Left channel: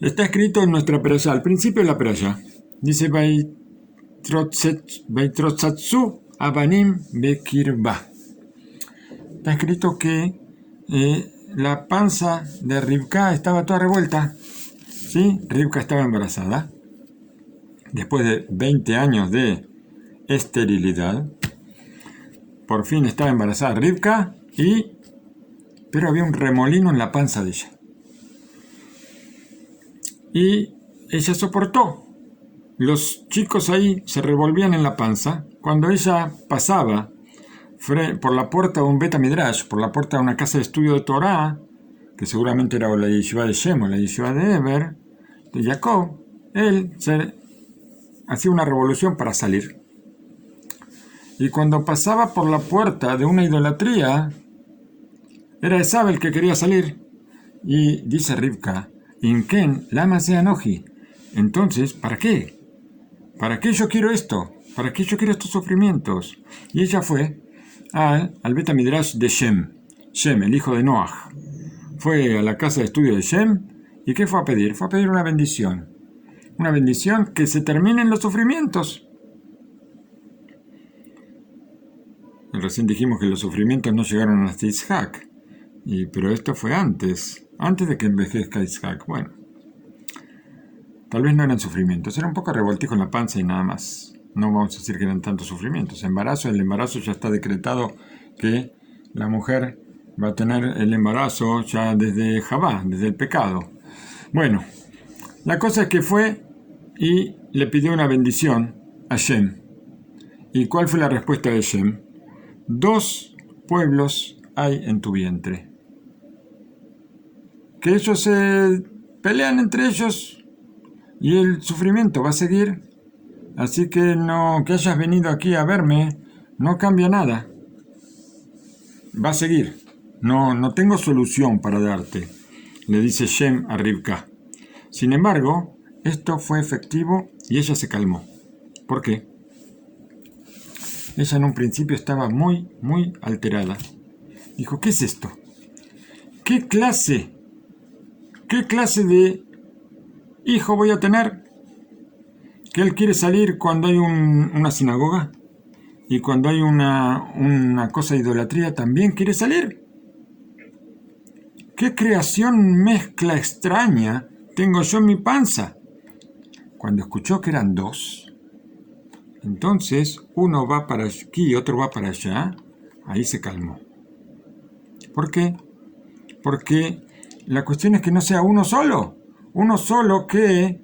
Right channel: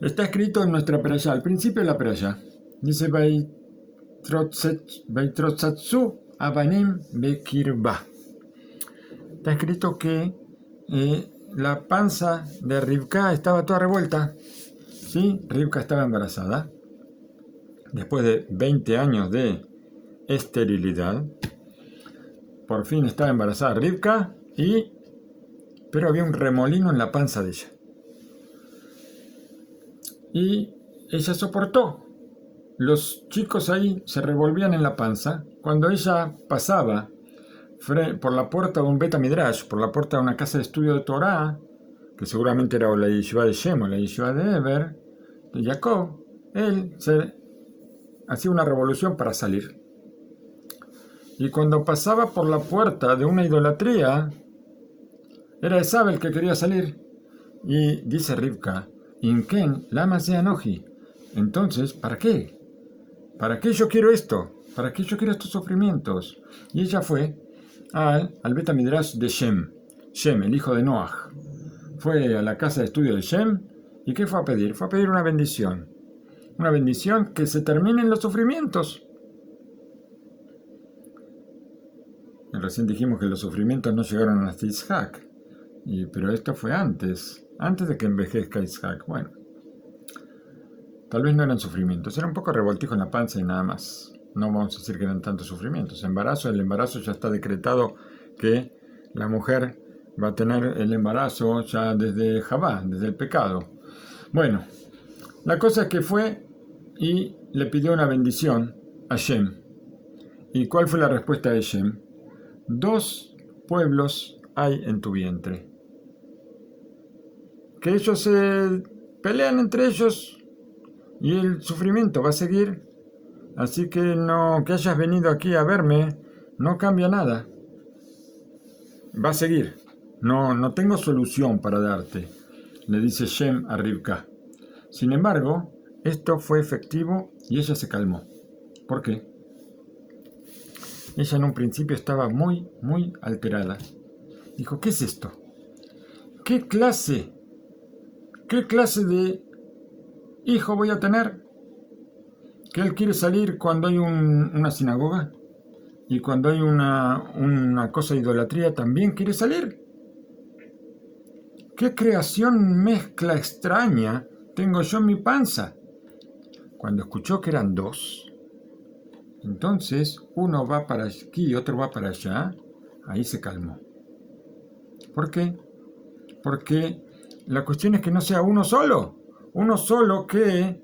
Está escrito en nuestra perashá, al principio de la perashá. Dice Vaitrotsatsu Abanim Bekirba. Está escrito que la panza de Rivka estaba toda revuelta. ¿Sí? Rivka estaba embarazada. Después de 20 años de esterilidad, por fin estaba embarazada Rivka, pero había un remolino en la panza de ella. Y ella soportó. Los chicos ahí se revolvían en la panza. Cuando ella pasaba por la puerta de un Bet Midrash, por la puerta de una casa de estudio de Torah, que seguramente era la yeshiva de Shem o la yeshiva de Eber, de Jacob, él se hacía una revolución para salir. Y cuando pasaba por la puerta de una idolatría, era Esav el que quería salir. Y dice Rivka, Inken, lama sea noji. Entonces, ¿para qué? ¿Para qué yo quiero esto? ¿Para qué yo quiero estos sufrimientos? Y ella fue al Bet Midrash de Shem, el hijo de Noach. Fue a la casa de estudio de Shem, ¿y qué fue a pedir? Fue a pedir una bendición. Una bendición que se terminen los sufrimientos. Y recién dijimos que los sufrimientos no llegaron hasta Isaac. Pero esto fue antes de que envejezca Isaac. Bueno, tal vez no eran sufrimientos, era un poco revoltijo en la panza y nada más. No vamos a decir que eran tantos sufrimientos. El embarazo ya está decretado que la mujer va a tener el embarazo ya desde Javá, desde el pecado. Bueno, la cosa es que fue y le pidió una bendición a Shem. ¿Y cuál fue la respuesta de Shem? 2 pueblos hay en tu vientre. Que ellos se pelean entre ellos y el sufrimiento va a seguir. Así que no, que hayas venido aquí a verme no cambia nada. Va a seguir. No tengo solución para darte, le dice Shem a Rivka. Sin embargo, esto fue efectivo y ella se calmó. ¿Por qué? Ella en un principio estaba muy alterada. Dijo, ¿qué es esto? ¿Qué clase de hijo voy a tener? ¿Que él quiere salir cuando hay una sinagoga? ¿Y cuando hay una cosa de idolatría también quiere salir? ¿Qué creación mezcla extraña tengo yo en mi panza? Cuando escuchó que eran 2, entonces uno va para aquí y otro va para allá, ahí se calmó. ¿Por qué? Porque la cuestión es que no sea uno solo que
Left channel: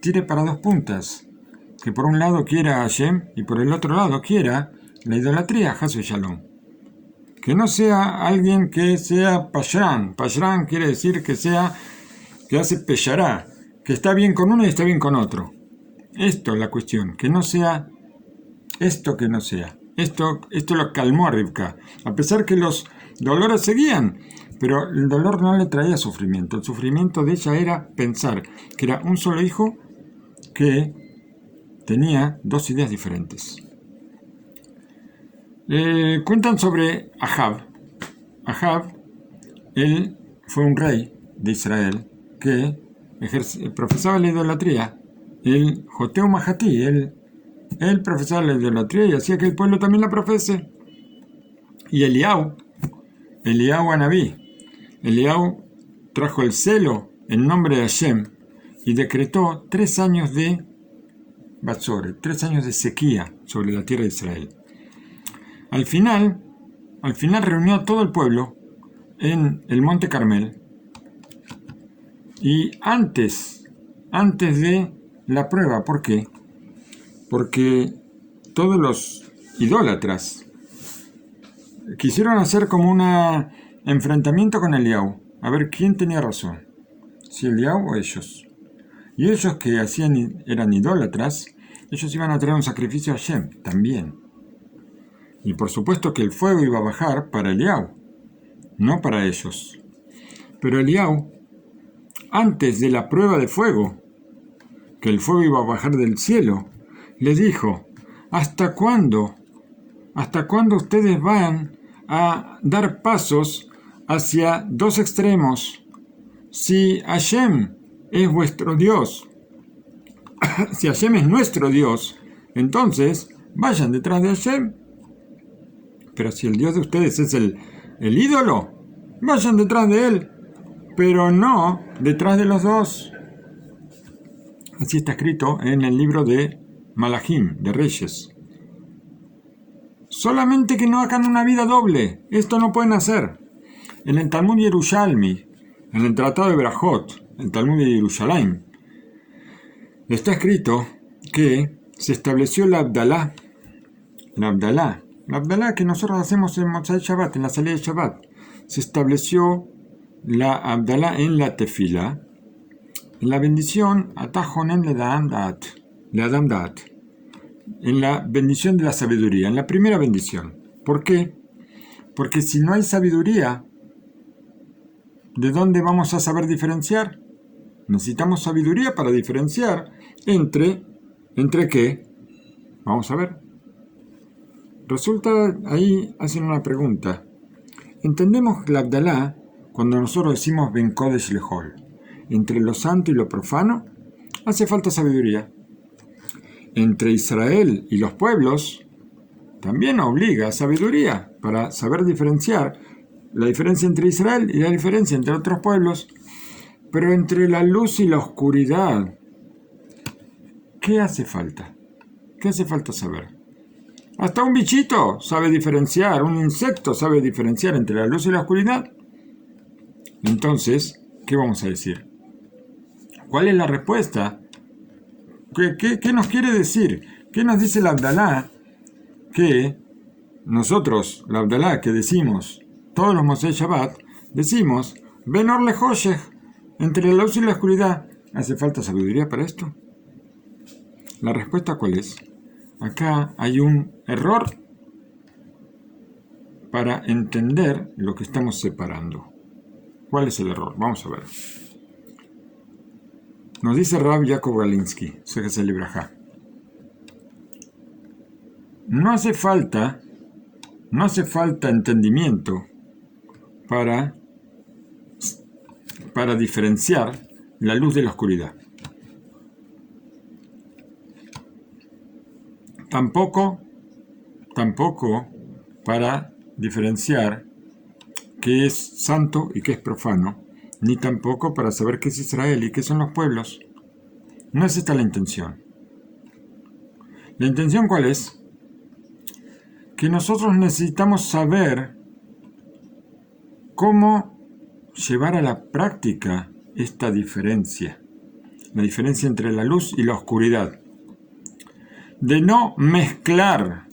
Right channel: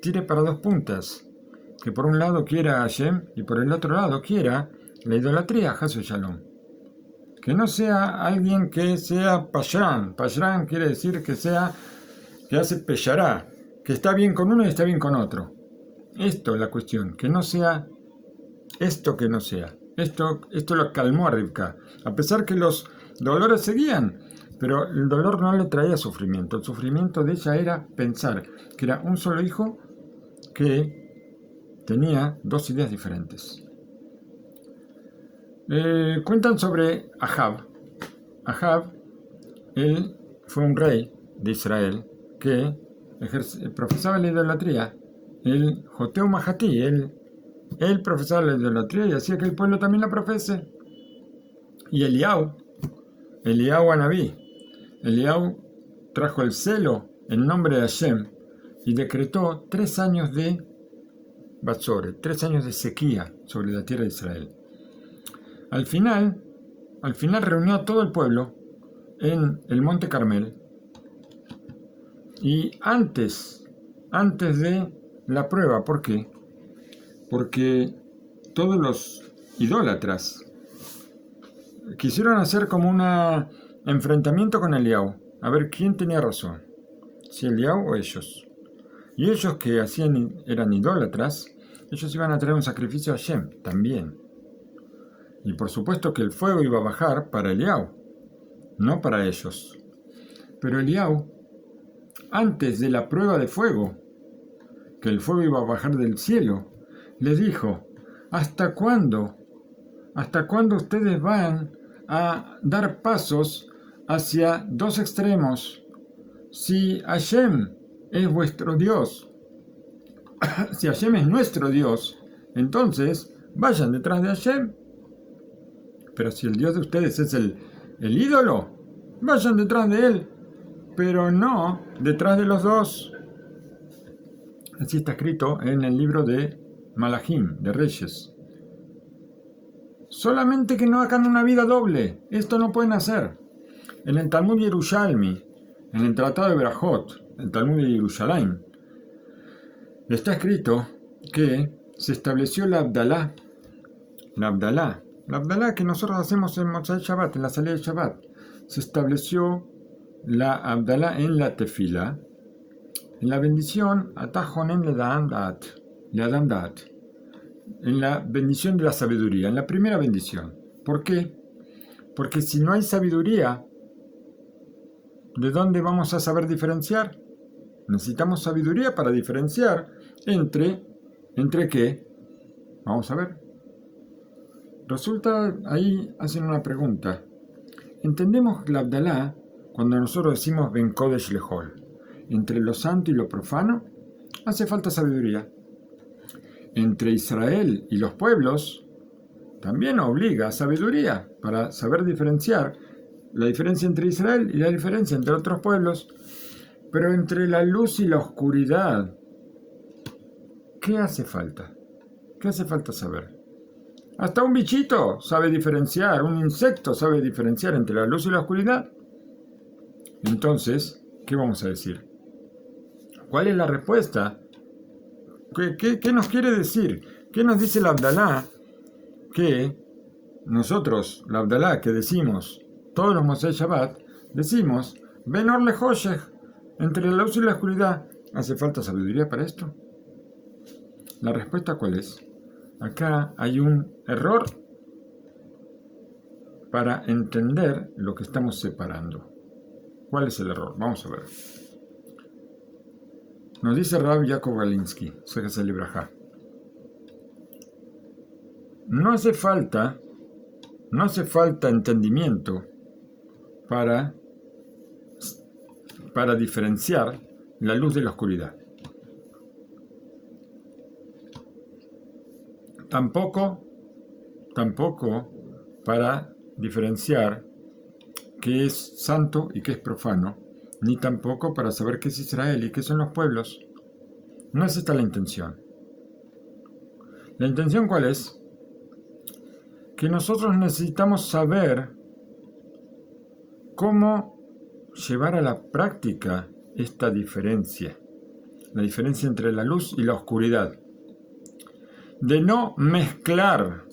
tire para 2 puntas, que por un lado quiera a Hashem y por el otro lado quiera la idolatría, Hasu Shalom. Que no sea alguien que sea Pashran. Pashran quiere decir que hace Peshará, que está bien con uno y está bien con otro. Esto es la cuestión, que no sea esto que no sea. Esto lo calmó a Rivka, a pesar que los dolores seguían, pero el dolor no le traía sufrimiento. El sufrimiento de ella era pensar que era un solo hijo que tenía 2 ideas diferentes. Cuentan sobre Ahab. Ahab, él fue un rey de Israel que profesaba la idolatría. El Joteu Mahatí, él profesaba la idolatría y hacía que el pueblo también la profese. Y Eliau Anabí, Eliau trajo el celo en nombre de Hashem y decretó 3 años de Batzore, 3 años de sequía sobre la tierra de Israel. Al final reunió a todo el pueblo en el Monte Carmel y antes de la prueba. ¿Por qué? Porque todos los idólatras quisieron hacer como un enfrentamiento con Eliau, a ver quién tenía razón, si Eliau o ellos. Y ellos que eran idólatras, ellos iban a traer un sacrificio a Hashem también. Y por supuesto que el fuego iba a bajar para Eliau, no para ellos. Pero Eliau, antes de la prueba de fuego, que el fuego iba a bajar del cielo, les dijo, ¿hasta cuándo ustedes van a dar pasos hacia 2 extremos? si Hashem es vuestro Dios, si Hashem es nuestro Dios, entonces vayan detrás de Hashem. Pero si el Dios de ustedes es el ídolo, vayan detrás de él, pero no detrás de los dos. Así está escrito en el libro de Malachim, de Reyes. Solamente que no hagan una vida doble. Esto no pueden hacer. En el Talmud Yerushalmi, en el Tratado de Berajot, el Talmud de Yerushalayim, está escrito que se estableció la Abdalá. La Abdalá que nosotros hacemos en Motzai Shabbat, en la salida de Shabbat. Se estableció la Abdalá en la Tefila, en la bendición Atajonen le Adam Daat, en la bendición de la sabiduría, en la primera bendición. ¿Por qué? Porque si no hay sabiduría, ¿de dónde vamos a saber diferenciar? Necesitamos sabiduría para diferenciar ¿entre qué? Vamos a ver. Resulta, ahí hacen una pregunta. Entendemos la Abdalá cuando nosotros decimos Ben Kodesh Lehol. Entre lo santo y lo profano, hace falta sabiduría. Entre Israel y los pueblos, también obliga a sabiduría para saber diferenciar la diferencia entre Israel y la diferencia entre otros pueblos. Pero entre la luz y la oscuridad, ¿qué hace falta? ¿Qué hace falta saber? Hasta un bichito sabe diferenciar, un insecto sabe diferenciar entre la luz y la oscuridad. Entonces, ¿qué vamos a decir? ¿Cuál es la respuesta? ¿Qué nos quiere decir? ¿Qué nos dice la Abdalá? Que nosotros, la Abdalá que decimos, todos los Motzei Shabbat, decimos, Ben Or LeHoshech, entre la luz y la oscuridad. ¿Hace falta sabiduría para esto? La respuesta, ¿cuál es? Acá hay un error para entender lo que estamos separando. ¿Cuál es el error? Vamos a ver. Nos dice Rav Yaakov Galinsky, Sejasel Libraja. No hace falta entendimiento para diferenciar la luz de la oscuridad. Tampoco para diferenciar qué es santo y qué es profano, ni tampoco para saber qué es Israel y qué son los pueblos. No es esta la intención. ¿La intención cuál es? Que nosotros necesitamos saber cómo llevar a la práctica esta diferencia, la diferencia entre la luz y la oscuridad. De no mezclar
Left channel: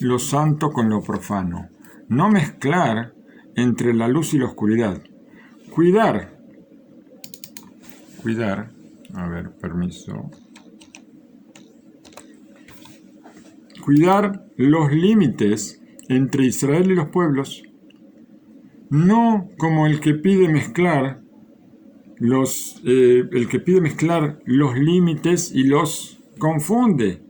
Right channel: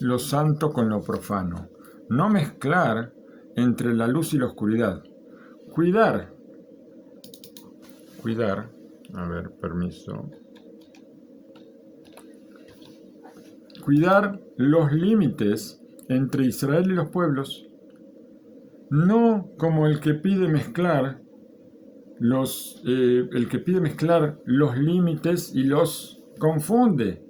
lo santo con lo profano, no mezclar entre la luz y la oscuridad. Cuidar, a ver, permiso. Cuidar los límites entre Israel y los pueblos, no como el que pide mezclar los límites y los confunde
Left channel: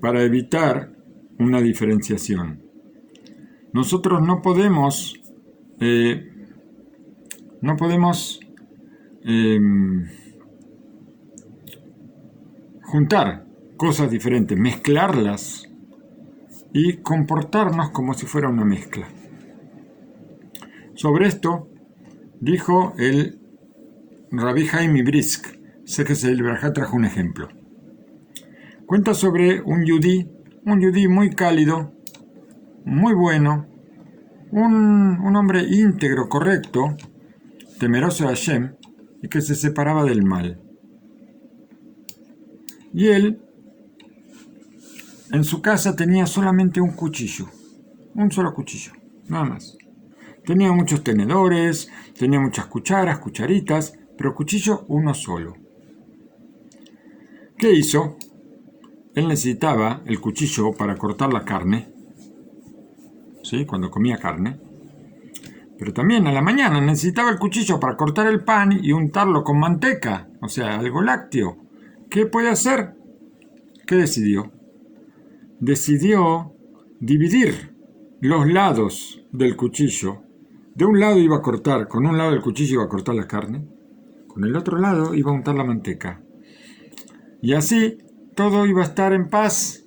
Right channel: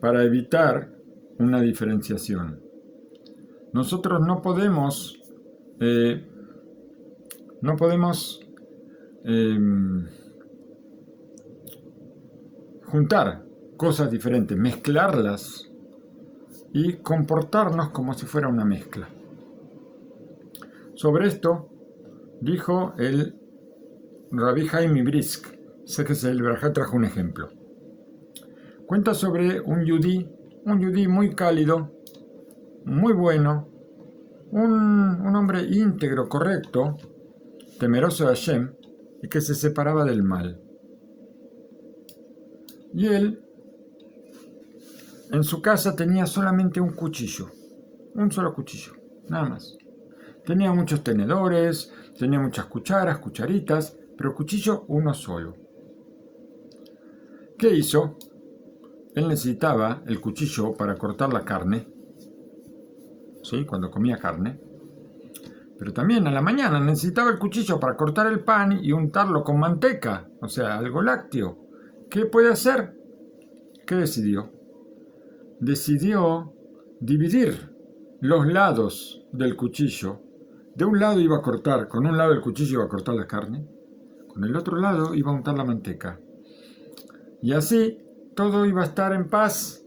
para evitar una diferenciación. Nosotros no podemos juntar cosas diferentes, mezclarlas y comportarnos como si fuera una mezcla. Sobre esto dijo el Rabbi Haim Brisk, Sejasel Libraja, trajo un ejemplo. Cuenta sobre un yudí muy cálido, muy bueno, un hombre íntegro, correcto, temeroso de Hashem y que se separaba del mal. Y él, en su casa tenía solamente un cuchillo, un solo cuchillo, nada más. Tenía muchos tenedores, tenía muchas cucharas, cucharitas, pero cuchillo uno solo. ¿Qué hizo? Él necesitaba el cuchillo para cortar la carne, ¿sí? Cuando comía carne. Pero también a la mañana necesitaba el cuchillo para cortar el pan y untarlo con manteca, o sea, algo lácteo. ¿Qué puede hacer? ¿Qué decidió? Decidió dividir los lados del cuchillo De un lado iba a cortar, con un lado el cuchillo iba a cortar la carne, con el otro lado iba a untar la manteca. Y así todo iba a estar en paz.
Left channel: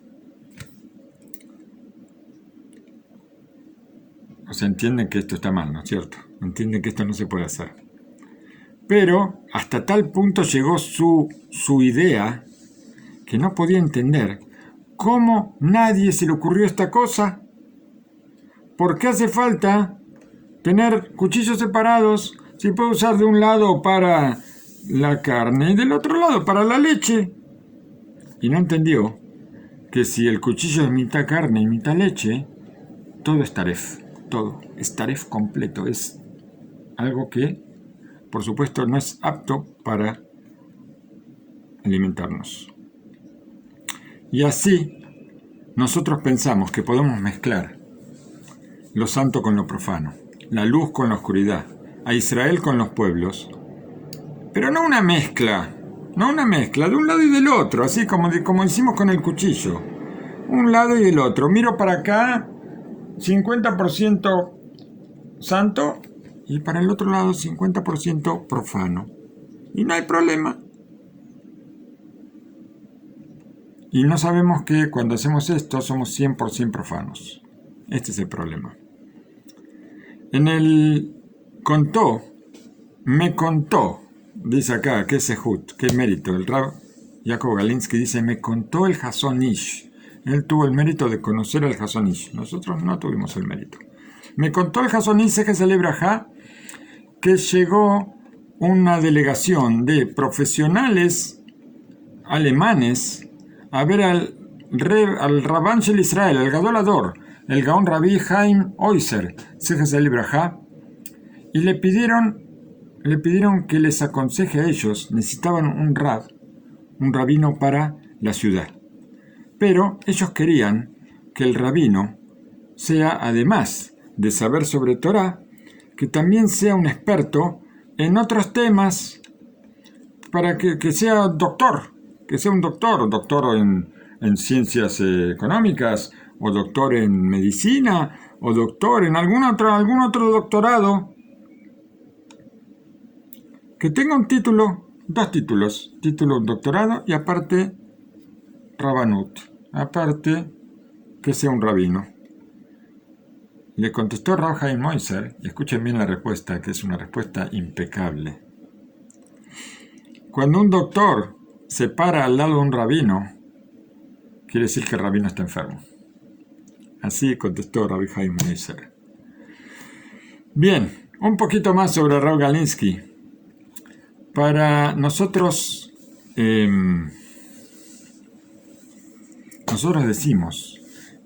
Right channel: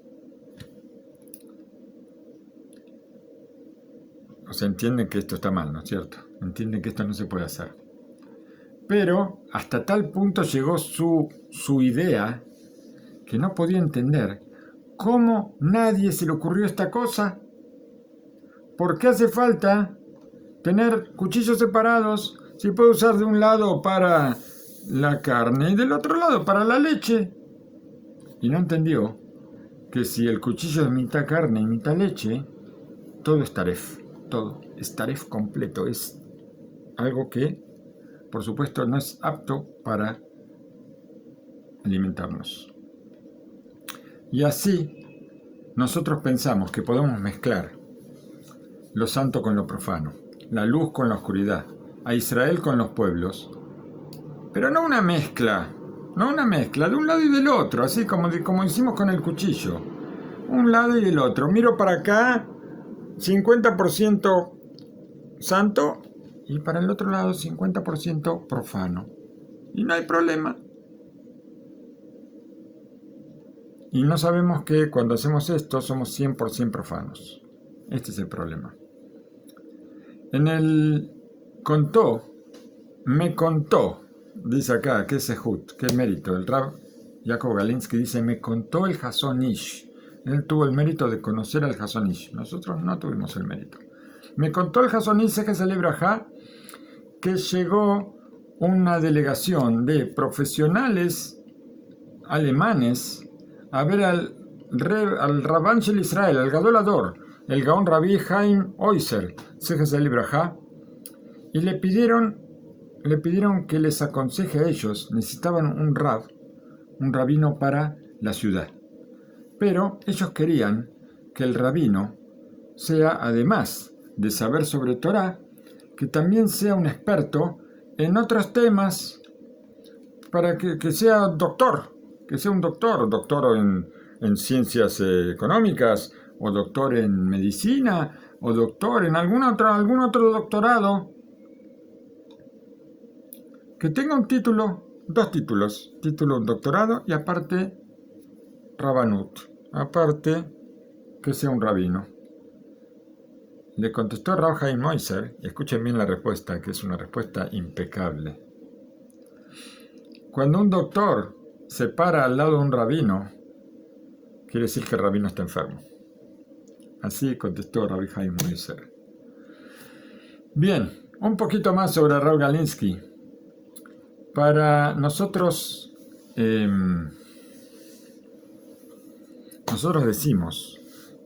O sea, entienden que esto está mal, ¿no es cierto? Entienden que esto no se puede hacer. Pero hasta tal punto llegó su idea que no podía entender cómo nadie se le ocurrió esta cosa. ¿Por qué hace falta tener cuchillos separados si puedo usar de un lado para la carne y del otro lado para la leche? Y no entendió que si el cuchillo es mitad carne y mitad leche, todo es taref, todo es taref completo, es algo que, por supuesto, no es apto para alimentarnos. Y así, nosotros pensamos que podemos mezclar lo santo con lo profano, la luz con la oscuridad, a Israel con los pueblos, pero no una mezcla de un lado y del otro, así como hicimos con el cuchillo, un lado y el otro. Miro para acá, 50% santo, y para el otro lado 50% profano. Y no hay problema. Y no sabemos que cuando hacemos esto somos 100% profanos. Este es el problema. Me contó, dice acá, que sehut, qué mérito. El Rab Jacob Galinsky dice, me contó el Hazon Ish. Él tuvo el mérito de conocer al Hazon Ish. Nosotros no tuvimos el mérito. Me contó el Hazon Ish que celebra que llegó una delegación de profesionales alemanes a ver al Rabban Shel Israel, al Gadol Hador, el Gaón Rabbi Haim Oizer, Zecher Libraja, y le pidieron que les aconseje a ellos. Necesitaban un rabino para la ciudad. Pero ellos querían que el rabino sea, además de saber sobre Torah, que también sea un experto en otros temas, para que sea doctor, que sea un doctor en ciencias económicas, o doctor en medicina, o doctor en algún otro doctorado, que tenga un título, 2 títulos, un doctorado y aparte Rabanut, aparte que sea un rabino. Le contestó Rab Haim Oizer, y escuchen bien la respuesta, que es una respuesta impecable. Cuando un doctor se para al lado de un rabino, quiere decir que el rabino está enfermo. Así contestó Rabbi Haim Oizer. Bien, un poquito más sobre Rab Galinsky. Para nosotros decimos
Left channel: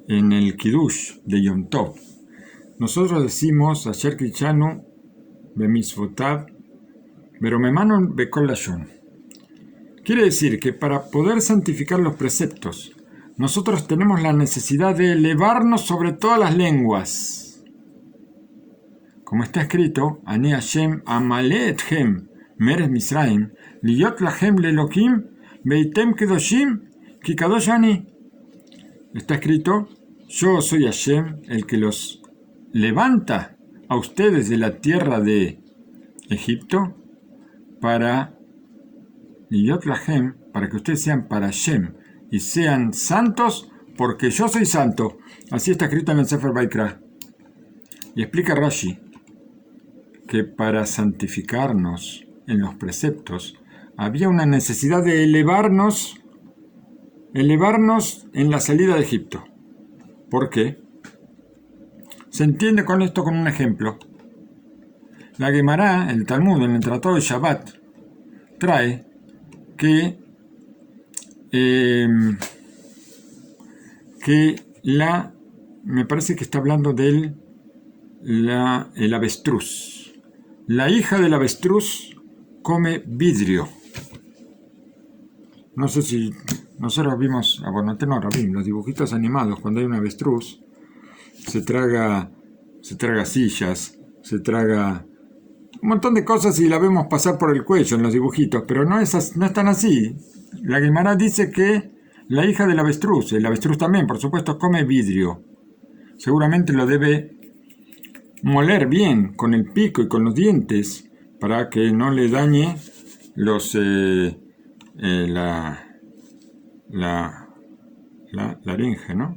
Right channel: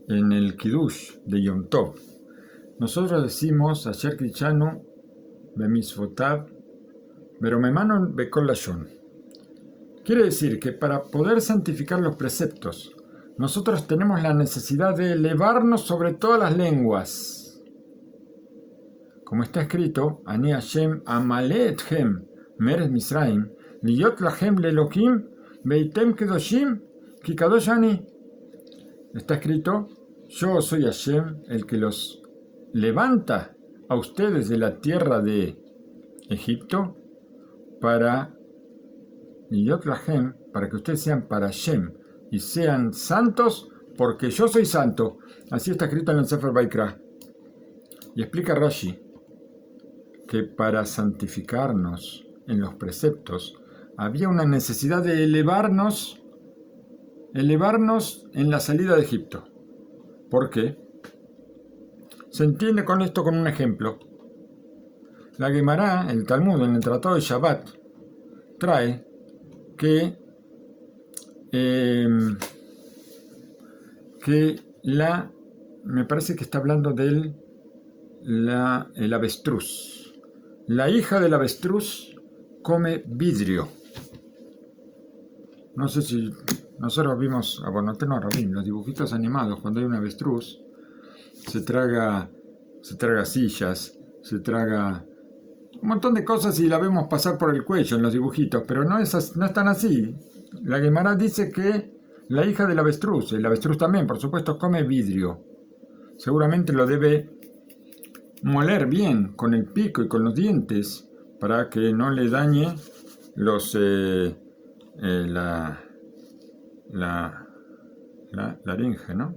en el Kiddush de Yom Tov, nosotros decimos Asher Krichanu Bemitzvotav Beromemanu Bekol Lashon. Quiere decir que para poder santificar los preceptos, nosotros tenemos la necesidad de elevarnos sobre todas las lenguas. Como está escrito, Ani Hashem amale etchem meres Misraim, liyot lachem lelokim, beitem kedoshim, ki kadosh ani. Está escrito, yo soy Hashem, el que los levanta a ustedes de la tierra de Egipto para liyot lachem, para que ustedes sean para Hashem y sean santos, porque yo soy santo. Así está escrito en el Sefer Vaikra. Y explica Rashi que para santificarnos en los preceptos había una necesidad de elevarnos en la salida de Egipto. ¿Por qué? Se entiende con esto con un ejemplo. La Gemara, el Talmud, en el Tratado de Shabbat, trae que me parece que está hablando de el avestruz. La hija del avestruz come vidrio. No sé si nosotros vimos, los dibujitos animados, cuando hay un avestruz, se traga sillas, se traga un montón de cosas y la vemos pasar por el cuello en los dibujitos, pero no es tan así. La Gemara dice que la hija del avestruz, el avestruz también, por supuesto, come vidrio. Seguramente lo debe moler bien con el pico y con los dientes para que no le dañe la laringe, ¿no?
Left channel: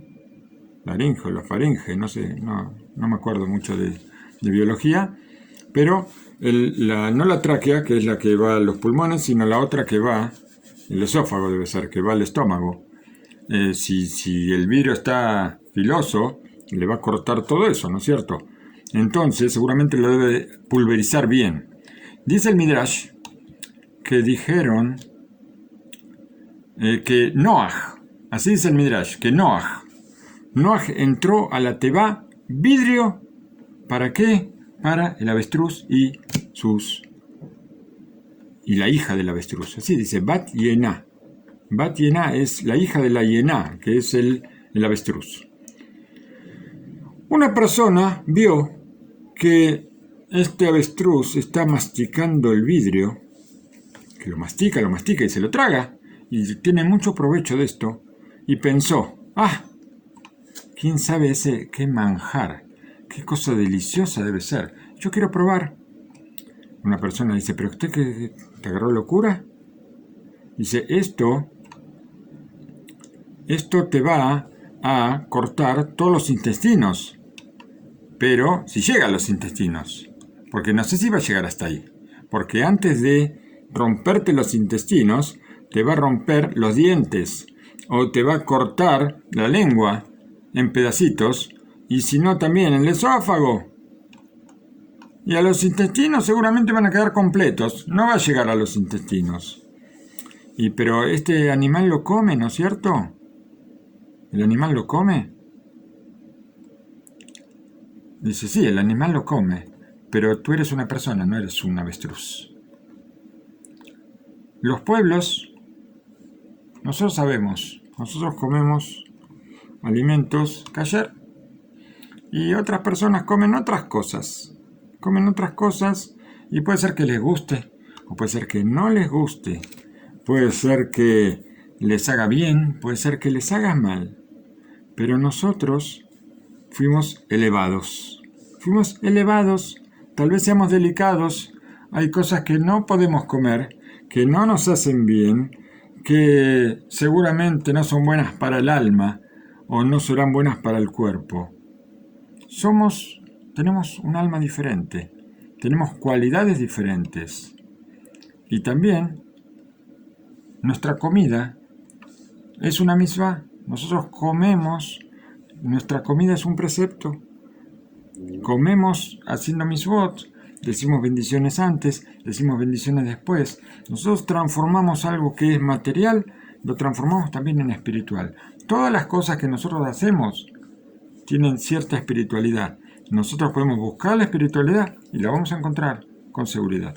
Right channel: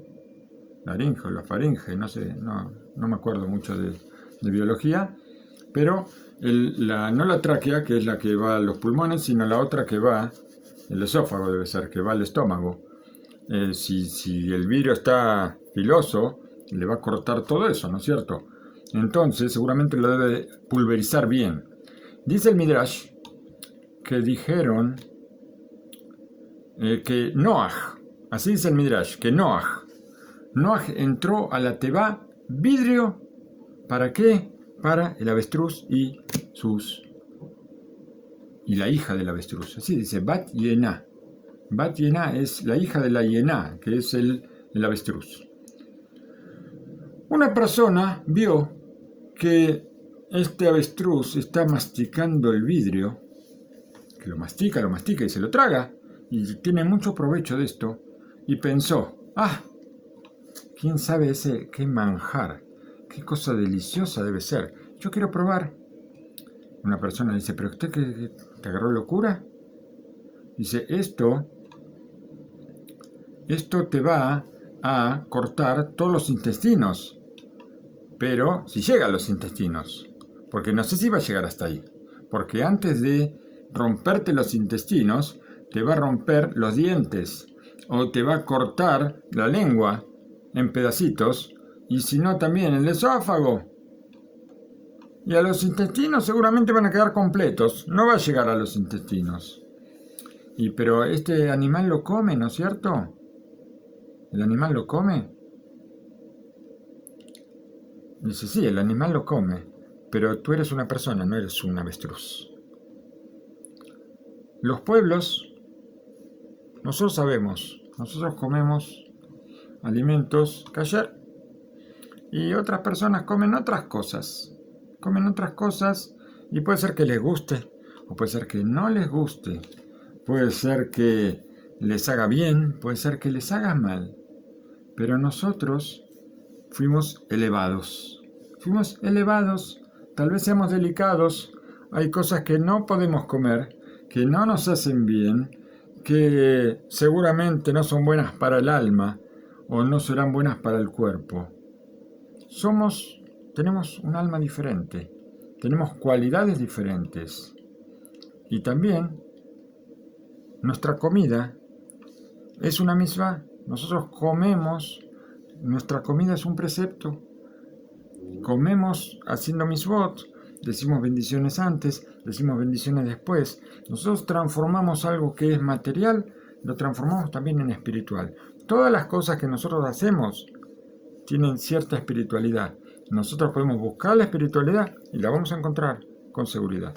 Laringe o la faringe, no sé, no me acuerdo mucho de biología, pero no la tráquea, que es la que va a los pulmones, sino la otra que va, el esófago debe ser, que va al estómago. Si el vidrio está filoso, le va a cortar todo eso, ¿no es cierto? Entonces, seguramente lo debe pulverizar bien. Dice el Midrash que dijeron que Noaj, así dice el Midrash, que Noaj entró a la teba vidrio, ¿para qué? Para el avestruz y la hija del avestruz. Así dice, Bat Yená. Bat Yená es la hija de la Yená, que es el avestruz. Una persona vio que este avestruz está masticando el vidrio, que lo mastica y se lo traga, y tiene mucho provecho de esto, y pensó, quién sabe qué manjar, qué cosa deliciosa debe ser, yo quiero probar. Una persona dice, ¿pero usted que te agarró locura? Dice, esto te va a cortar todos los intestinos, pero si llega a los intestinos, porque no sé si va a llegar hasta ahí, porque antes de romperte los intestinos, te va a romper los dientes, o te va a cortar la lengua en pedacitos, y si no también el esófago. Y a los intestinos seguramente van a quedar completos, no va a llegar a los intestinos. Pero este animal lo come, ¿no es cierto? ¿El animal lo come? Dice, sí, el animal lo come, pero tú eres una persona, no eres un avestruz. Los pueblos, nosotros sabemos, nosotros comemos alimentos kasher y otras personas comen otras cosas y puede ser que les guste o puede ser que no les guste, puede ser que les haga bien, puede ser que les haga mal, pero nosotros fuimos elevados, tal vez seamos delicados, hay cosas que no podemos comer, que no nos hacen bien, que seguramente no son buenas para el alma o no serán buenas para el cuerpo. Tenemos un alma diferente, tenemos cualidades diferentes y también nuestra comida es una misma. Nosotros comemos, nuestra comida es un precepto, comemos haciendo misvot, decimos bendiciones antes, decimos bendiciones después. Nosotros transformamos algo que es material, lo transformamos también en espiritual. Todas las cosas que nosotros hacemos tienen cierta espiritualidad. Nosotros podemos buscar la espiritualidad y la vamos a encontrar con seguridad.